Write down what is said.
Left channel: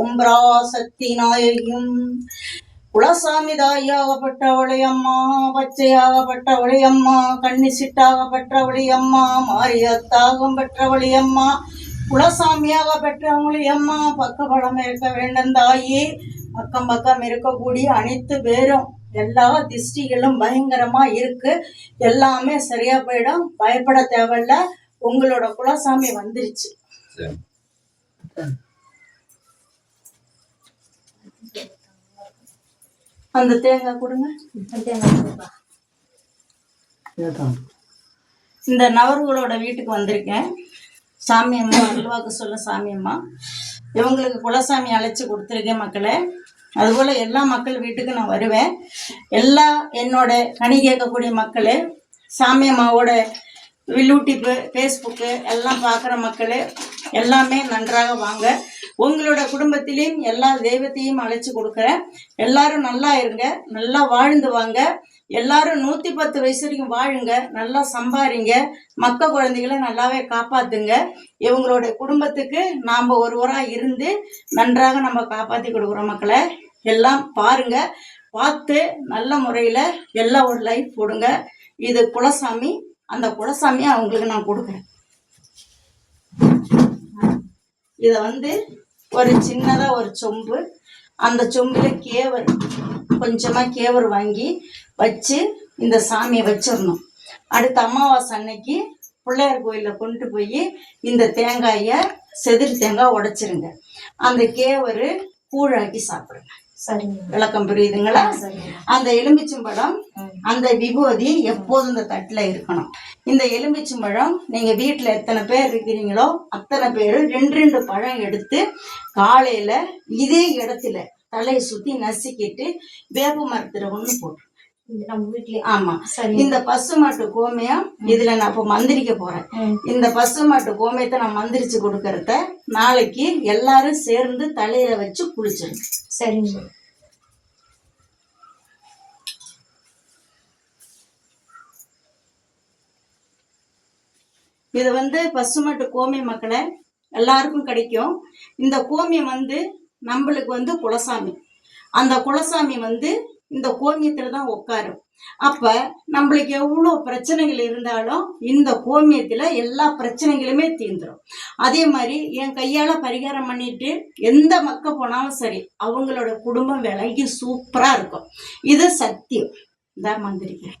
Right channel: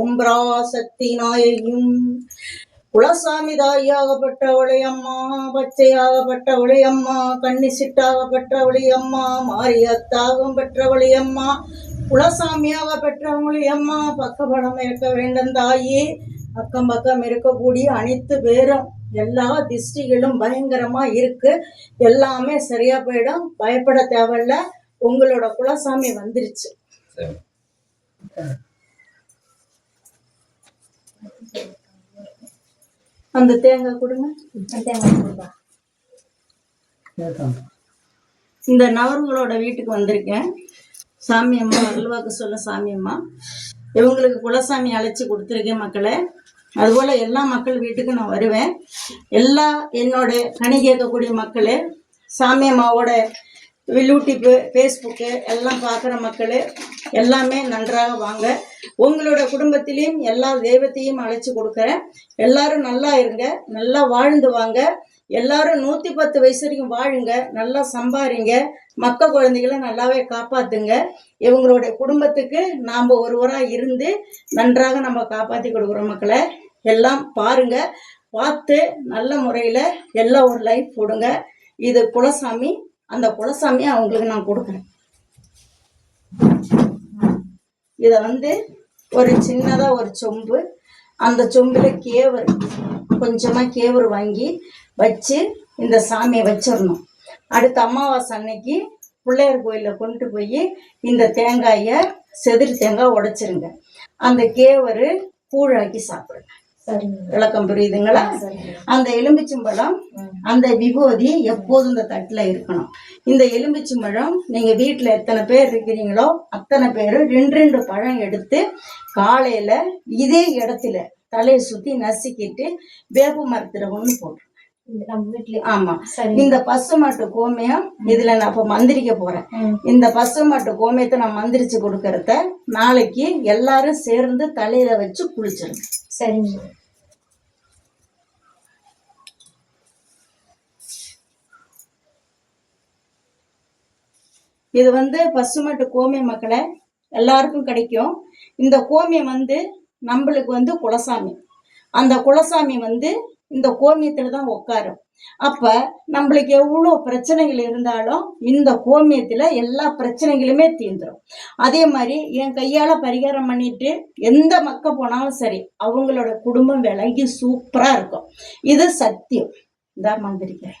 ஓம் பராசக்தி நாயகியும் குலசாமி தாயாகப்பட்டவளை அம்மா, பச்சையாகப்பட்டவளை அம்மா, கன்னிசிட்டாகப்பட்டவளை அம்மா, மாரியத்தாகம் பெற்றவளை அம்மா, குலசாமியாக பெற்றவளை அம்மா, பக்கபலம் இருக்க வேண்டும் தாயி. பக்கம் பக்கம் இருக்கக்கூடிய அனைத்து பேரும் எல்லா திஷ்டிகளும் பயங்கரமா இருக்கு, எல்லாமே சரியா போயிடும், பயப்பட தேவையில்ல. உங்களோட குலசாமி வந்துருச்சு. அந்த தேங்காய் கொடுங்க. இந்த நவர்களோட வீட்டுக்கு வந்திருக்கேன். சாமி அம்மா அல்வாக்கு சொல்ல சாமி அம்மா இவங்களுக்கு குலசாமி அழைச்சி கொடுத்துருக்கேன் மக்களே. அதுபோல் எல்லா மக்கள் வீட்டுக்கு நான் வருவேன். எல்லா என்னோட கனி கேட்கக்கூடிய மக்கள், சாமி அம்மாவோட யூடியூப்பு, ஃபேஸ்புக்கு எல்லாம் பார்க்குற மக்கள் எல்லாமே நன்றாக வாங்க. உங்களோட குடும்பத்திலையும் எல்லா தெய்வத்தையும் அழைச்சி கொடுக்குறேன். எல்லாரும் நல்லா இருங்க, நல்லா வாழ்ந்து வாங்க. எல்லாரும் 110 வயசு வரைக்கும் வாழுங்க, நல்லா சம்பாரிங்க, மக்க குழந்தைகளை நல்லாவே காப்பாற்றுங்க. இவங்களுடைய குடும்பத்துக்கு நாம் ஒருவராக இருந்து நன்றாக நம்ம காப்பாற்றி கொடுக்குறோம் மக்களை. எல்லாம் பாருங்க, பார்த்து நல்ல முறையில் எல்லாம் ஒரு லைஃப் போடுங்க. இது குலசாமி, அந்த குலசாமியை அவங்களுக்கு நான் கொடுக்குறேன். இதை ஒரு சின்னதாக ஒரு சொம்பு, அந்த சொம்பில் கேவர் கொஞ்சமாக கேவர் வாங்கி வச்சு இந்த சாமியை வச்சிடணும். அடுத்த அமாவாசை அன்னைக்கு பிள்ளையார் கோயிலில் கொண்டு போய் இந்த தேங்காயை செதிர் தேங்காய் உடைச்சிருங்க. அந்த கேவர் கூழாக்கி சாப்பிடுங்க. சரிங்க, விளக்கம் புரியுதுங்களா? அந்த எலும்பிச்சம்பழம், அந்த விபூதி எப்போதும் இந்த தட்டில் இருக்கணும். இந்த எலும்பிச்சம்பழம் நீங்கள் வீட்டில் எத்தனை பேர் இருக்கிறீங்களோ அத்தனை பேர் 2 பழம் எடுத்து காலையில் இதே இடத்துல தலையை சுற்றி நசுக்கிட்டு வேப்ப மரத்துல ஒன்று போட்டு ஆமா. இந்த பசுமாட்டு கோமியம் இதுல நான் இப்ப மந்திரிக்க போறேன். இந்த பசுமாட்டு கோமியத்தை நான் மந்திரிச்சு கொடுக்கறத நாளைக்கு எல்லாரும் சேர்ந்து தலையில வச்சு குளிச்சிருங்க. சரிங்க. இது பசுமாட்டு கோமியம் மக்களை எல்லாருக்கும் கிடைக்கும். இந்த கோமியம் நம்மளுக்கு குலசாமி. அந்த குலசாமி இந்த கோமியத்துல தான் உட்காரும். அப்ப நம்மளுக்கு எவ்வளோ பிரச்சனைகள் இருந்தாலும் இந்த கோமியத்துல எல்லா பிரச்சனைகளுமே தீர்ந்துடும். அதே மாதிரி என் கையால பரிகாரம் பண்ணிட்டு எந்த மக்க போனாலும் சரி, அவங்களோட குடும்பம் விலகி சூப்பரா இருக்கும். இது சத்தியம். இந்த மந்திரிக்கிறேன்.